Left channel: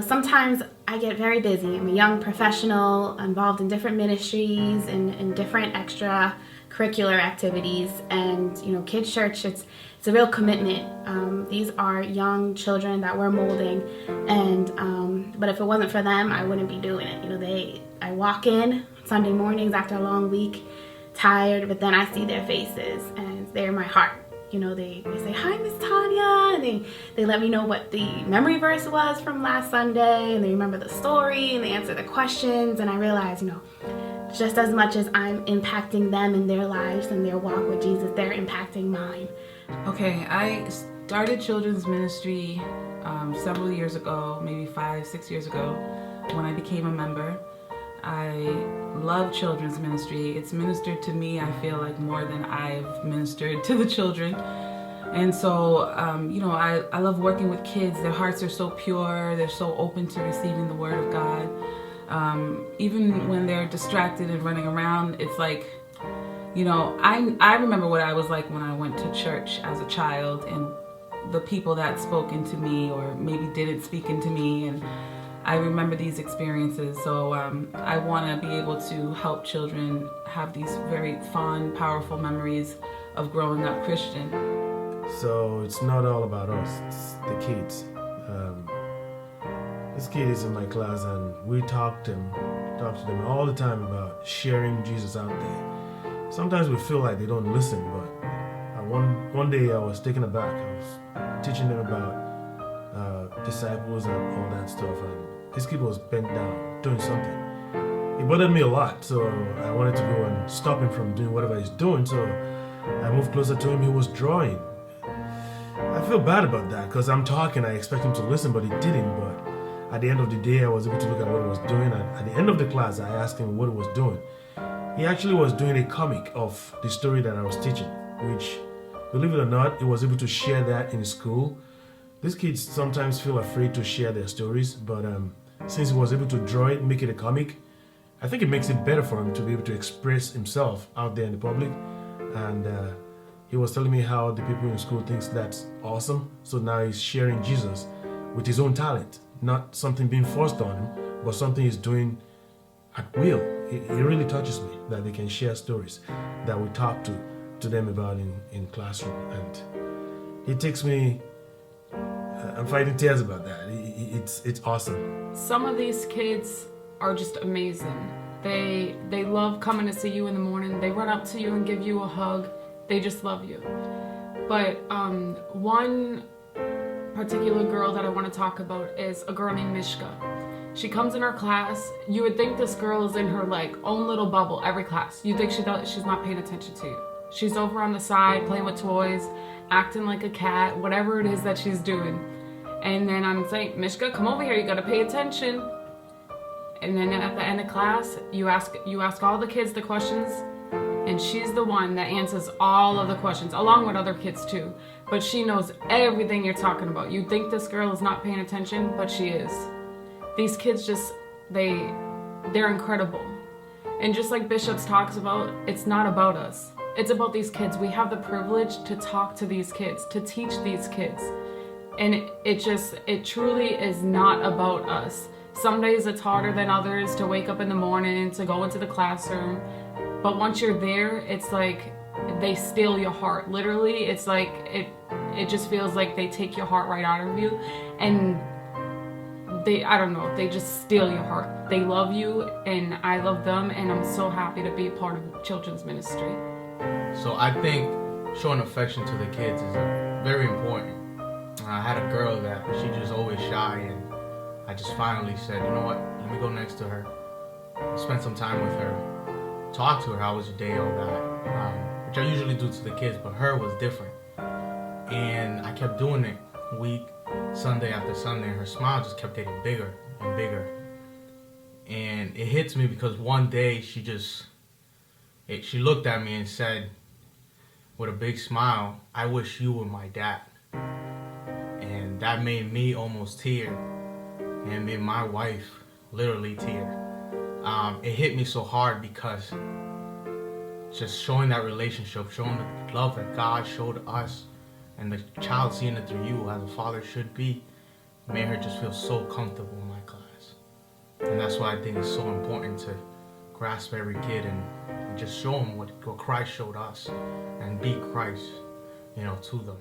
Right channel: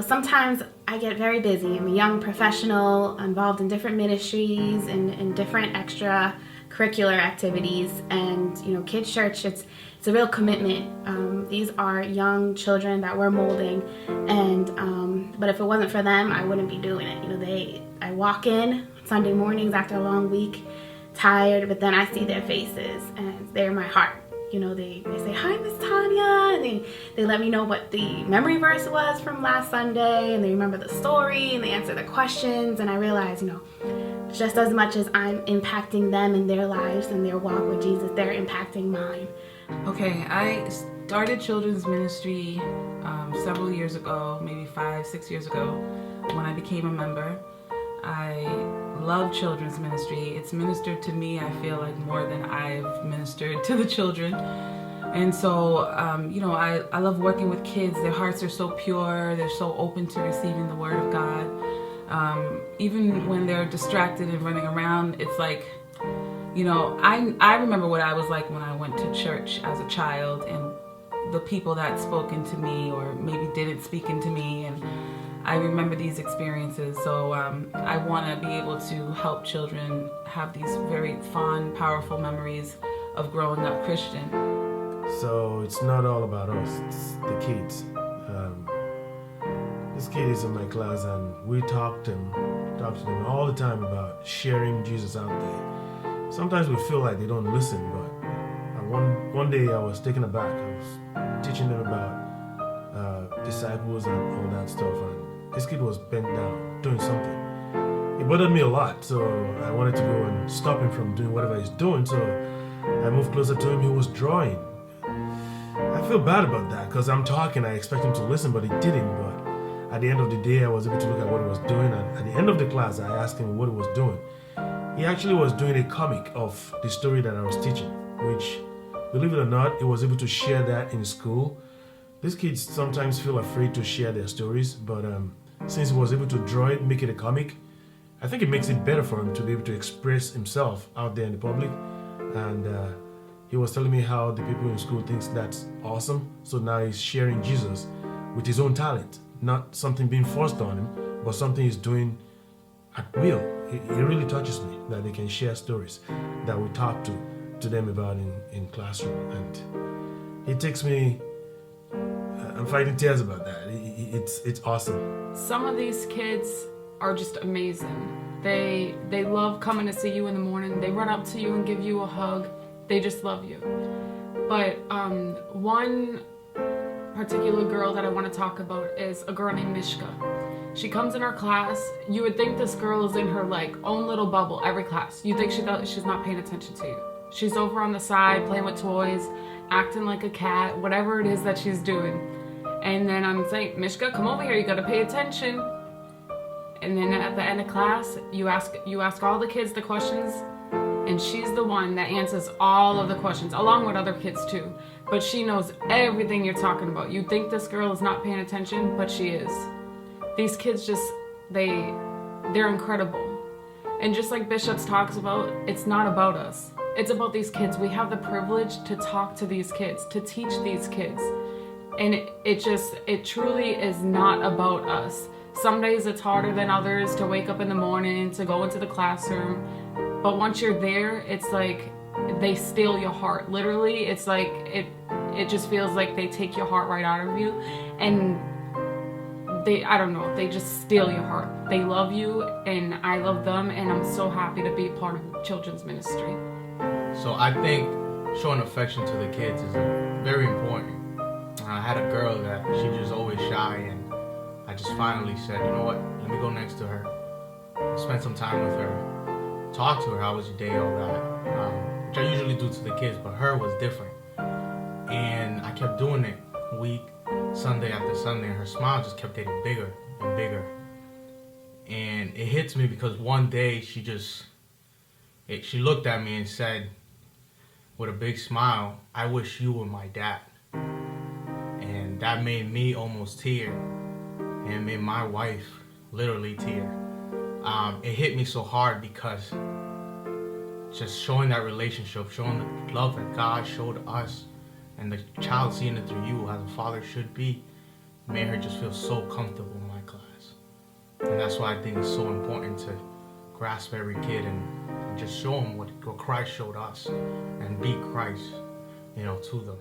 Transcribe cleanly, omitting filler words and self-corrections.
sometimes I get very busy. I'm a young professional involved in different ministries and different extracurricular activities. And, Kids Church, it's a real commitment. These are young children that we're molding. And, but if it wasn't for them, I wouldn't be doing it. I walk in Sunday mornings after a long week, tired, but then I see their faces and they're my heart. They say, "Hi, Miss Tanya," and they let me know what the memory verse was from last Sunday, and they remember the story, and they answer the questions, and I realize, just as much as I'm impacting them in their lives and their walk with Jesus, they're impacting mine. Okay, I started children's ministry several years ago, maybe 5-6 years ago, when I became a member. I love children's ministry. It's ministered to me, I feel like, more than I've ministered to the children. And so, I love working with kids. Their hearts are so pure. They're so open to receiving the word of God. Even when they're distracted and running around, it's like, I remember what I was like when I went to church as a child, and the people that spoke into me or maybe didn't speak into me, and I remember these experiences. So I want to be able to help children have these very fond, powerful memories of growing up Christian. So it's not all about us, it's the kids. This kid is in my class, and we talk to them all the time about sharing Jesus out there. Sometimes we feel like they don't listen, but one day I was taken aback. I was teaching them about disciples and all that stuff, and this kid was bent down doing something. It bothered me a lot, so I wanted to go and stop him from doing whatever he's doing. So I moved closer to him. He was drawing. I feel bad about that because I'm talking. I expect him to listen, but he didn't. But at the end of the day, I was able to look at what he was doing. And at the end of the class, I asked him what he was doing. He actually was doing a comic of the story that I was teaching, which, believe it or not, he was able to share that in school. These kids sometimes feel afraid to share their stories, but since he was able to draw it, make it a comic, I think it makes it better for him to be able to express himself out there in the public. And he was telling me how the people in school thinks that's awesome. So now he's sharing Jesus with his own talent, not something being forced on him, but something he's doing at will. It really touches me that they can share stories that we talk to them about in classroom. And it takes me, I'm fighting tears about that. It's awesome. Some of these kids are just amazing. They love coming to see you in the morning. They run up to you and give you a hug. They just love you. But one particular girl that I want to talk about is a girl named Mishka. She comes in our class. You would think this girl is in her own little bubble every class. You think she's not paying attention to you. She's over on the side playing with toys, acting like a cat, whatever it is that she's doing. And then I'm saying, "Mishka, come over here. You got to pay attention." And then at the end of class, you ask all the kids the questions, and she's the one that answers all of the questions, along with other kids too. But she knows everything you're talking about. You think this girl is not paying attention, but she is. These kids they're incredible. And just like Bishops talks about, it's not about us. It's about these kids. We have the privilege to talk to these kids, to teach these kids. And it truly is not about us. Some days it's harder than others to wake up in the morning, to go into the classroom. But once you're there, it's like they steal your heart. Literally, it's like it just feels like they take your heart right out of you. And they just steal your heart. They love you, and I love them, and I'm so happy to be part of children's ministry. So I think showing affection to the kids is very important. I had a girl that she just always shy, and I just finally said, you know what, let me go next to her, spend some time with her, talk to her, how was your day, all that, which I usually do to the kids, but her was different. And I kept doing it week, Sunday after Sunday, and her smile just kept getting bigger and bigger. And it hits me because one day she looked at me and said, with a big smile, "I wish you were my dad." And that made me almost tear, and made my wife literally tear. It hit me so hard because just showing that relationship, showing the love that God showed us, and the child seeing it through you as a father should be, made her just feel so comfortable in my class. And that's why I think it's so important to grasp every kid and just show them what Christ showed us and be Christ, to them.